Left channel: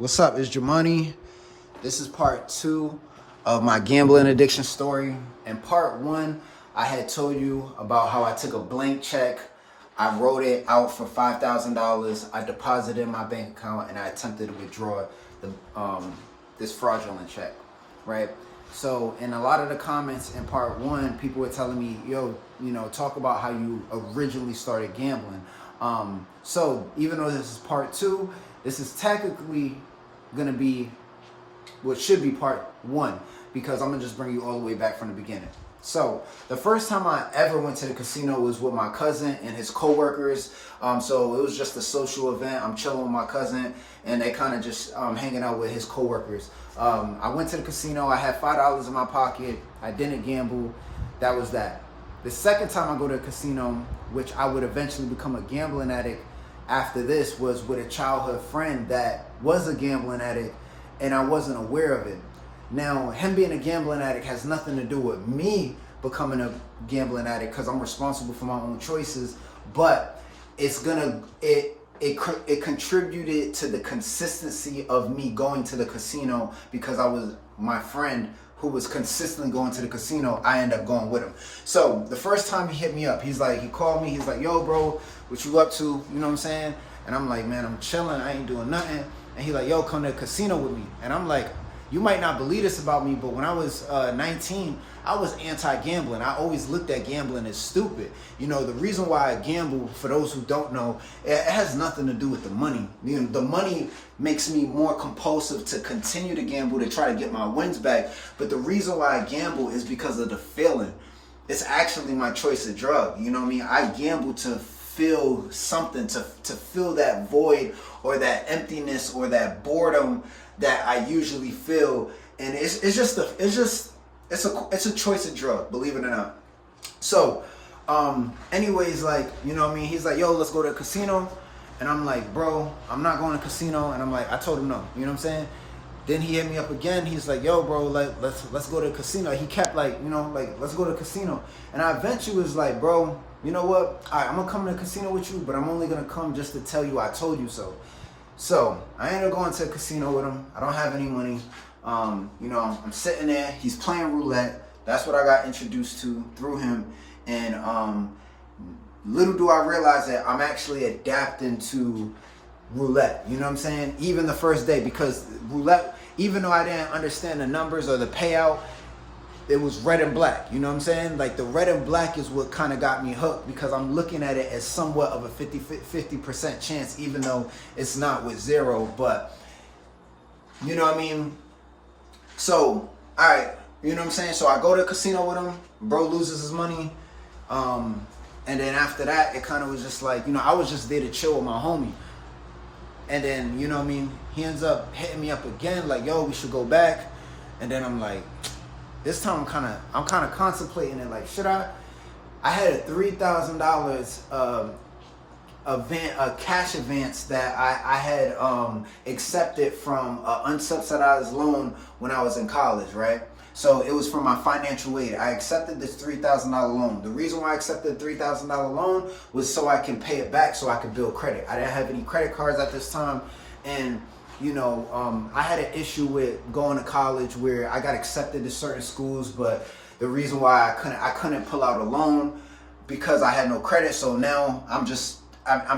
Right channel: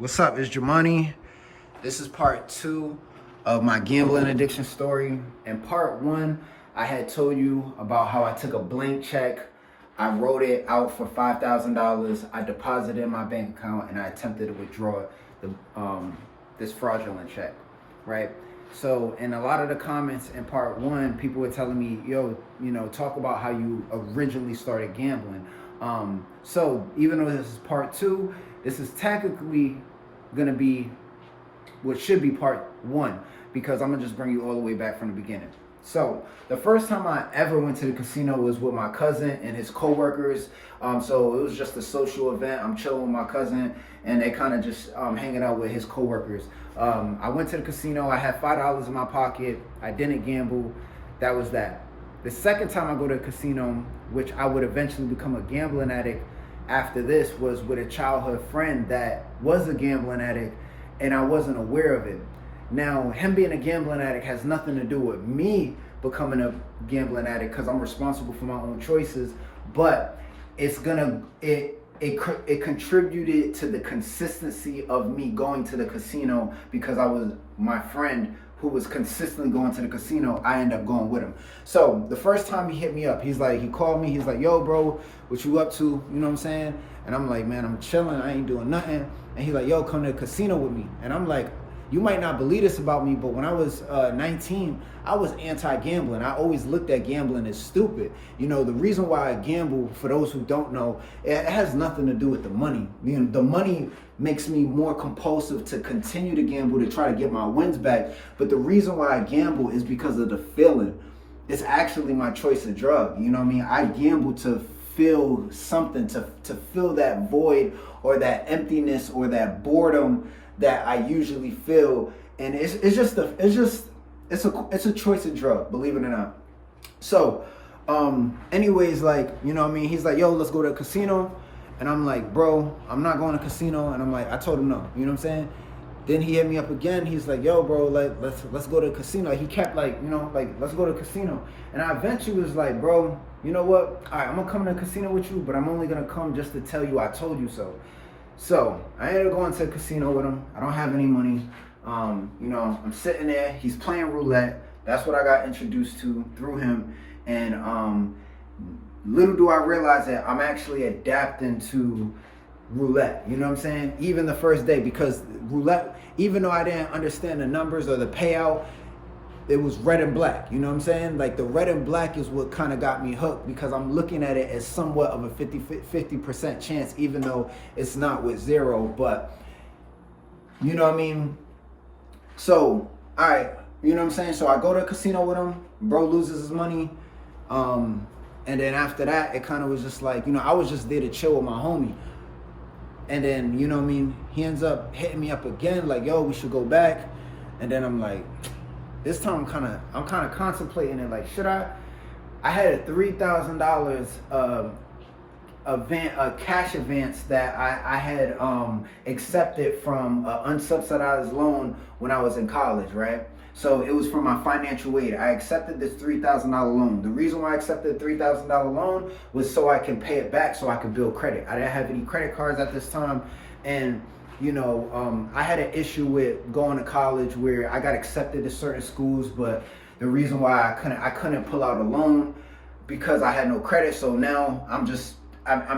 What's up? It's Jumanne. This is part 2 of my gambling addiction story. In part 1, I had told you about how I took a blank check. I wrote it out for $5,000. I deposited in my bank account and I attempted to withdraw this fraudulent check, right? So in a lot of the comments in part 1, people were telling me, yo, talk about how you originally started gambling. So even though this is part 2, this is technically gonna be what should be part 1, because I'm gonna just bring you all the way back from the beginning. So the first time I ever went to the casino was with my cousin and his co-workers. So it was just a social event. I'm chilling with my cousin and they kind of just hanging out with his co-workers. I went to the casino. I had $5 in my pocket. I didn't gamble. That was that. The second time I go to a casino, which I would eventually become a gambling addict after this, was with a childhood friend that was a gambling addict and I wasn't aware of it. Now, him being a gambling addict has nothing to do with me becoming a gambling addict because I'm responsible for my own choices, but it contributed to the consistency of me going to the casino because I was my friend who was consistently going to the casino. I ended up going with him. So the first time he hit me up, he called me, he's like, yo bro, what you up to? You know what I'm saying? And I'm like, man, I'm chilling, I ain't doing nothing. And he's like, yo, come to the casino with me. And I'm like, you might not believe this about me, but when I was 19, I was anti-gambling. I always looked at gambling as stupid. The reason why I gamble, for those who don't know, it has nothing to do with the money. The money makes me more compulsive to continue to gamble, to try to get my wins back. But the reason why I gamble is because of the feeling. It's actually my choice of drug. You know what I mean? I gamble to feel something, to fill that void or that emptiness or that boredom that I usually feel, and it's a choice of drug, believe it or not. So, anyways, he's like, yo, let's go to a casino, and I'm like, bro, I'm not going to casino, and I'm like, I told him no, you know what I'm saying? Then he hit me up again. He's like, yo, bro, let's go to a casino. He kept let's go to a casino, and I eventually was like, bro, you know what? All right, I'm gonna come to a casino with you, but I'm only gonna come just to tell you I told you so. So I ended up going to a casino with him. I don't have any money. I'm sitting there. He's playing roulette. That's what I got introduced to through him. And little do I realize that I'm actually adapting to roulette. You know what I'm saying? Even the first day, because roulette, even though I didn't understand the numbers or the payout, it was red and black. You know what I'm saying? Like the red and black is what kind of got me hooked, because I'm looking at it as somewhat of a 50% chance, even though it's not with zero. But you know what I mean? So, all right, you know what I'm saying? So I go to a casino with him, bro loses his money. And then after that, it kind of was just like, I was just there to chill with my homie. And then, you know what I mean? He ends up hitting me up again, like, yo, we should go back. And then I'm like, this time I'm kind of contemplating it, like, should I? I had a $3,000 a cash advance that I had accepted from an unsubsidized loan when I was in college, right? So it was from my financial aid. I accepted this $3,000 loan. The reason why I accepted the $3,000 loan was so I can pay it back, so I could build credit. I didn't have any credit cards at this time, and I had an issue with going to college where I got accepted to certain schools, but the reason why I couldn't pull out a loan because I had no credit. So now I'm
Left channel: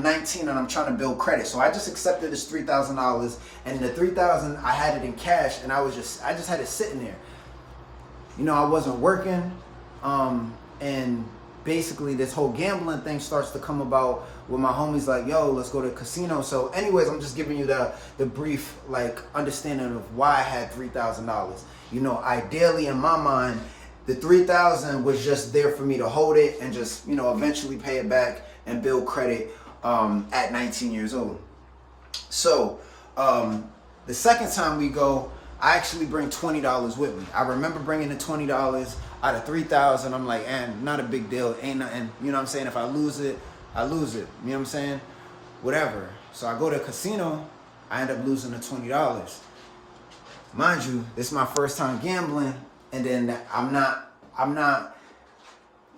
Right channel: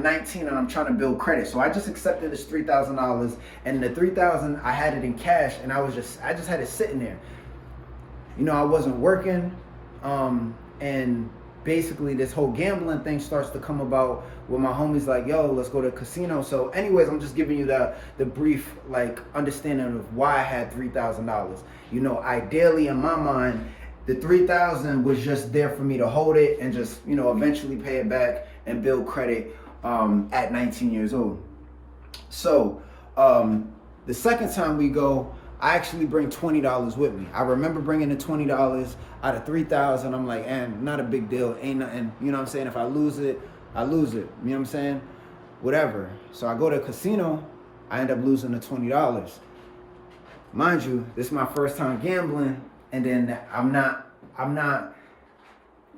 19 and I'm trying to build credit. So I just accepted this $3,000, and the $3,000 I had it in cash, and I just had it sitting there. I wasn't working, and basically this whole gambling thing starts to come about with my homies like, yo, let's go to a casino. So anyways, I'm just giving you the brief understanding of why I had $3,000. Ideally in my mind, the $3,000 was just there for me to hold it and just, eventually pay it back and build credit at 19 years old. So the second time we go, I actually bring $20 with me. I remember bringing the $20 out of $3,000. I'm like, not a big deal. Ain't nothing. You know what I'm saying? If I lose it, I lose it. You know what I'm saying? Whatever. So I go to a casino. I end up losing the $20. Mind you, this is my first time gambling. And then I'm not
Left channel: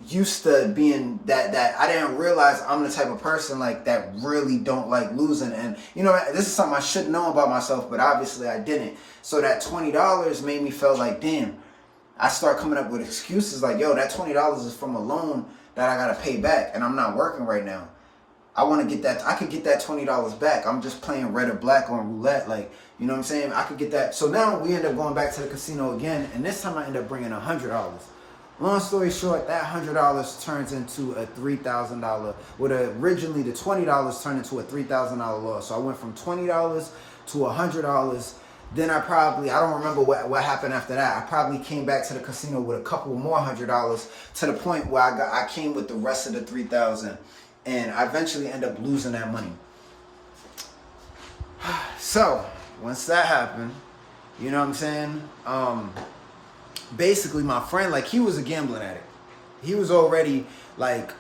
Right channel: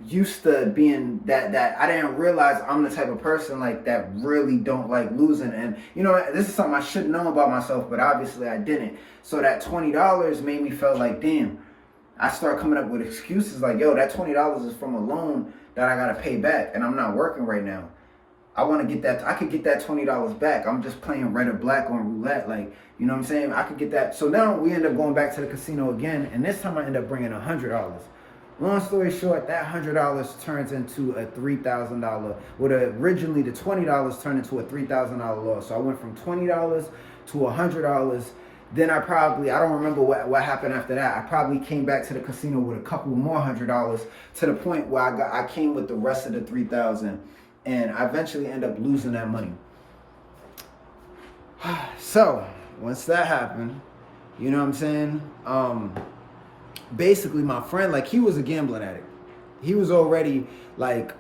used to being that I didn't realize I'm the type of person like that really don't like losing. And you know, this is something I should know about myself, but obviously I didn't. So that $20 made me feel like, damn, I start coming up with excuses like, yo, that $20 is from a loan that I gotta pay back, and I'm not working right now. I want to get that. I could get that $20 back. I'm just playing red or black on roulette. Like, you know what I'm saying? I could get that. So now we end up going back to the casino again, and this time I end up bringing $100. Long story short, that $100 turns into a $3,000. What originally the $20 turned into a $3,000 loss. So I went from $20 to $100. Then I don't remember what happened after that. I probably came back to the casino with a couple more $100 to the point where I came with the rest of the $3,000. And I eventually end up losing that money. So, once that happened, you know what I'm saying? Basically, my friend, like, he was a gambling addict. He was already, like,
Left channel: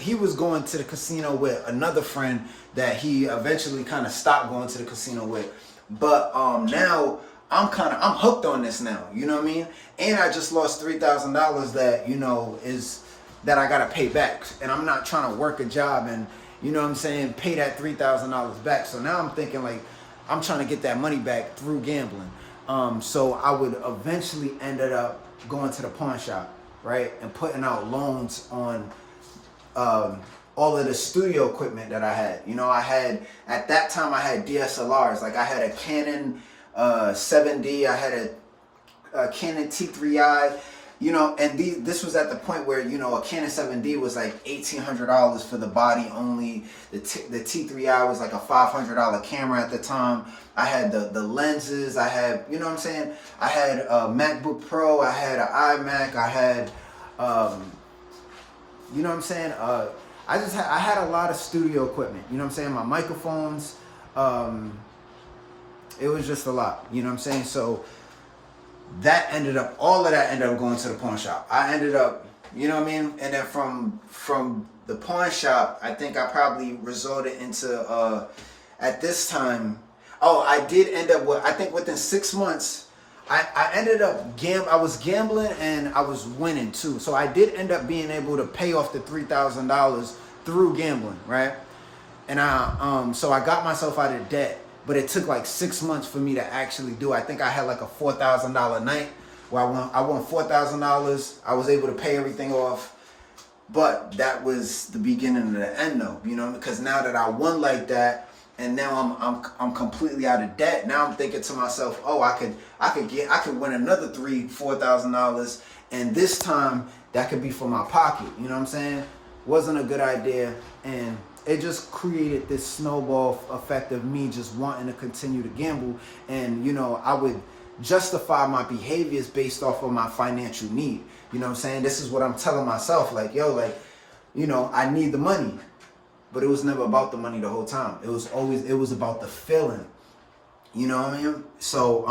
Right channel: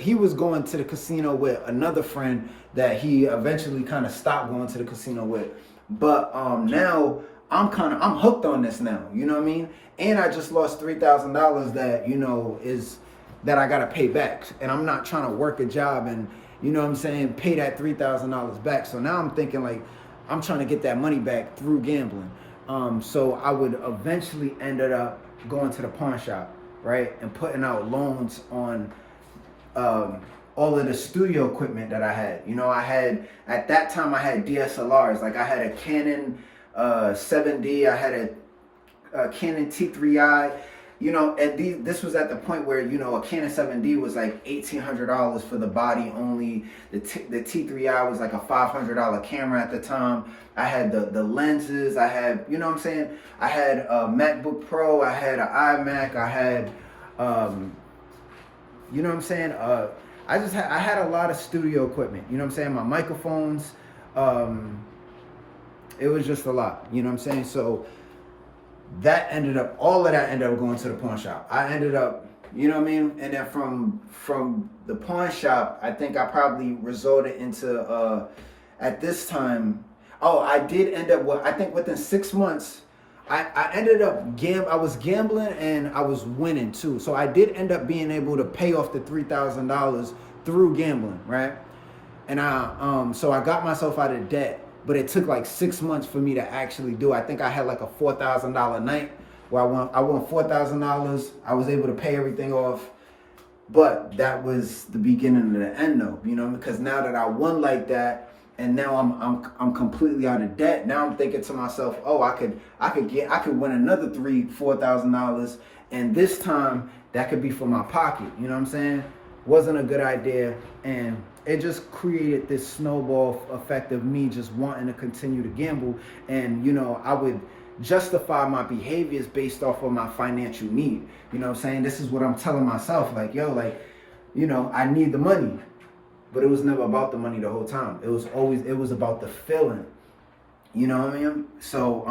he was going to the casino with another friend that he eventually kind of stopped going to the casino with. But now, I'm hooked on this now, you know what I mean? And I just lost $3,000 that, you know, that I gotta pay back, and I'm not trying to work a job and, you know what I'm saying, pay that $3,000 back. So now I'm thinking like I'm trying to get that money back through gambling. So I would eventually ended up going to the pawn shop, right, and putting out loans on all of the studio equipment that I had. You know, at that time I had DSLRs. Like I had a Canon 7D, I had a Canon T3i. You know, and this was at the point where, you know, a Canon 7D was like $1,800 for the body only. The T3i was like a $500 camera at the time. I had the lenses. I had, you know what I'm saying? I had a MacBook Pro. I had an iMac. I had, you know what I'm saying? I had a lot of studio equipment. You know what I'm saying? My microphones. It was just a lot. You know what I'm saying? So all of that ended up going to the pawn shop. I ended up, you know what I mean? And then from the pawn shop, I think I probably resorted into, at this time, I did end up with, I think within 6 months, I ended up I was gambling and I was winning too. So I did end up being able to pay off the $3,000 through gambling, right? And so I got myself out of debt. But it took like 6 months for me to actually do it. I think I had like a $4,000 night where I won $4,000. I was able to pay everything off. But that was the beginning of the end though, you know, because now that I won like that and now I'm completely out of debt. Now I'm thinking to myself, oh, I could win another $4,000, and this time that could be for my pocket. You know what I'm saying? Wasn't a good idea, and it just created this snowball effect of me just wanting to continue to gamble. And, you know, I would justify my behaviors based off of my financial need. You know what I'm saying? This is what I'm telling myself. Like, yo, like, you know, I need the money. But it was never about the money the whole time. It was about the feeling. You know what I mean? So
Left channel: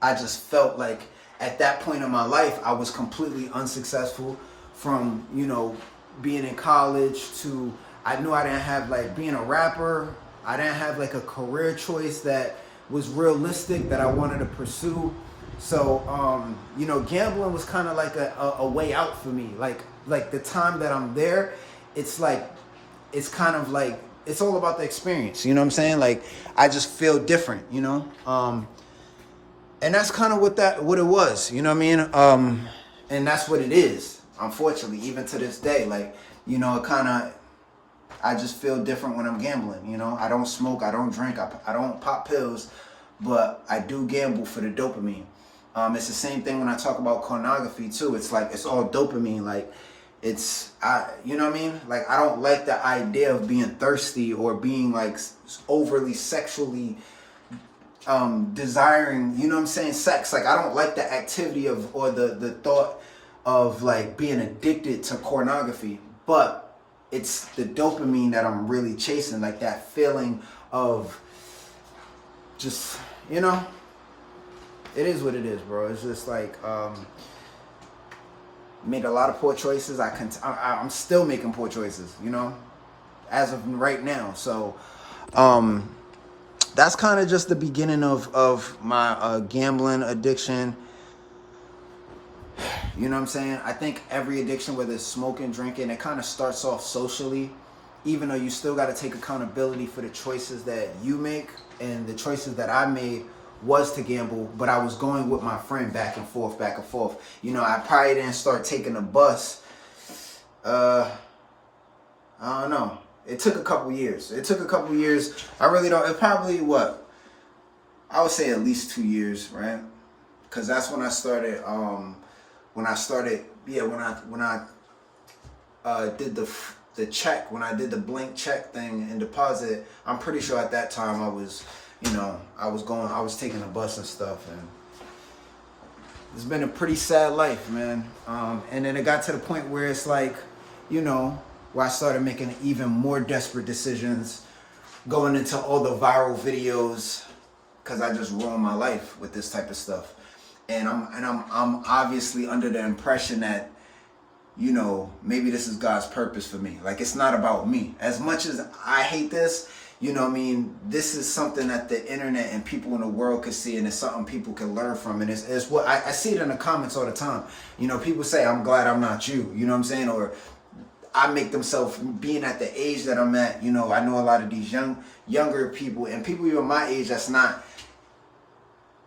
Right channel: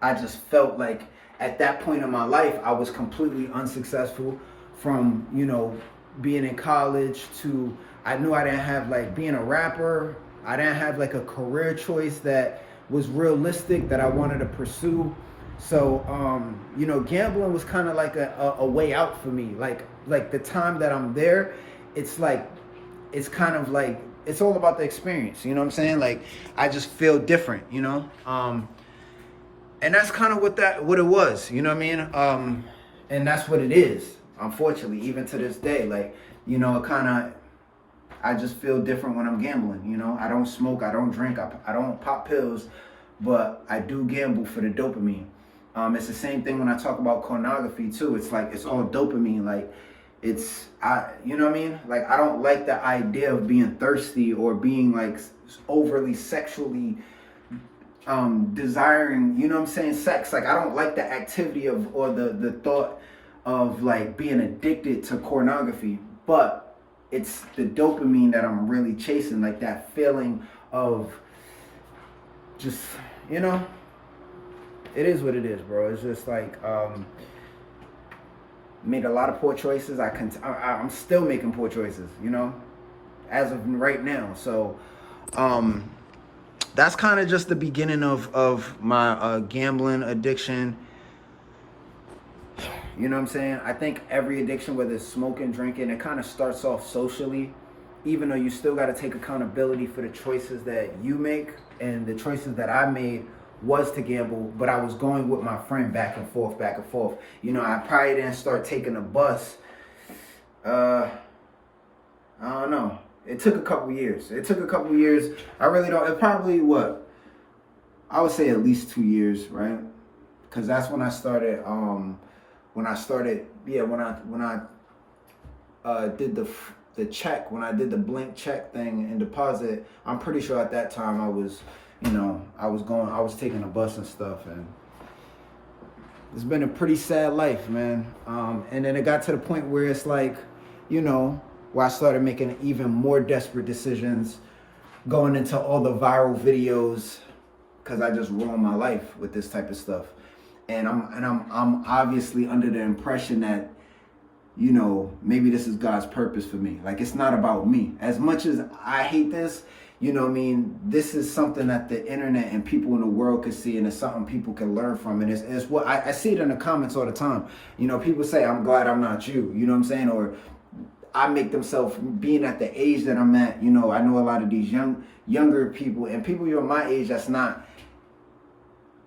I just felt like at that point in my life, I was completely unsuccessful from, you know, being in college to, I knew I didn't have, like, being a rapper. I didn't have like a career choice that was realistic that I wanted to pursue. So, you know, gambling was kind of like a way out for me. Like the time that I'm there, it's like, it's kind of like, it's all about the experience. You know what I'm saying? Like, I just feel different, you know? And that's kind of what it was, you know what I mean? And that's what it is, unfortunately, even to this day. Like, you know, I just feel different when I'm gambling, you know? I don't smoke, I don't drink, I don't pop pills, but I do gamble for the dopamine. It's the same thing when I talk about pornography too. It's like, it's all dopamine. Like, you know what I mean? Like, I don't like the idea of being thirsty or being like overly sexually desiring, you know what I'm saying, sex. Like, I don't like the activity of, or the thought of like being addicted to pornography, but it's the dopamine that I'm really chasing, like that feeling of just, you know, it is what it is, bro. It's just like, made a lot of poor choices. I'm still making poor choices, you know, as of right now. So, that's kind of just the beginning of my gambling addiction. You know what I'm saying? I think every addiction, whether it's smoking, drinking, it kind of starts off socially, even though you still got to take accountability for the choices that you make. And the choices that I made was to gamble, but I was going with my friend back and forth, back and forth. You know, I probably didn't start taking the bus. I don't know. It took a couple years. I really don't. It probably I would say at least 2 years, right? Because that's when I started. When I did the check, when I did the blank check thing and deposit, I'm pretty sure at that time I was taking the bus and stuff, and it's been a pretty sad life, man. And then it got to the point where it's like, where I started making even more desperate decisions, going into all the viral videos, because I just ruined my life with this type of stuff. And I'm obviously under the impression that, maybe this is God's purpose for me. Like, it's not about me. As much as I hate this, this is something that the internet and people in the world could see, and it's something people can learn from. And it's what I see it in the comments all the time. People say, I'm glad I'm not you. You know what I'm saying? Or I make themselves, being at the age that I'm at, I know a lot of these younger people and people even my age that's not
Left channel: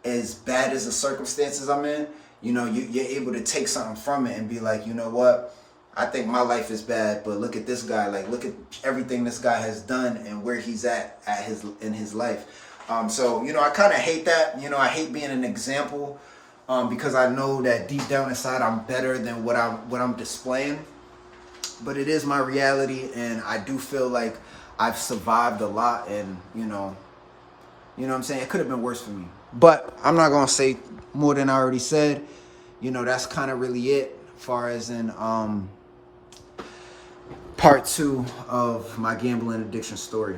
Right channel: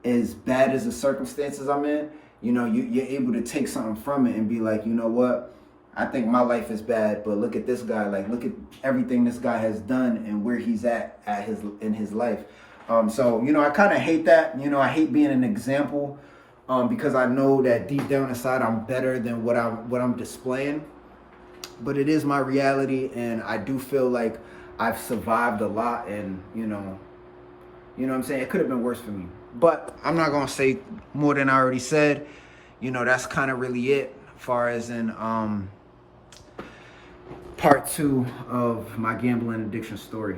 as bad as the circumstances I'm in. You're able to take something from it and be like, you know what? I think my life is bad, but look at this guy. Like, look at everything this guy has done and where he's at in his life. So I kind of hate that. I hate being an example, because I know that deep down inside I'm better than what I'm displaying. But it is my reality, and I do feel like I've survived a lot, and you know what I'm saying? It could have been worse for me. But I'm not gonna say more than I already said. That's kind of really it as far as in part 2 of my gambling addiction story.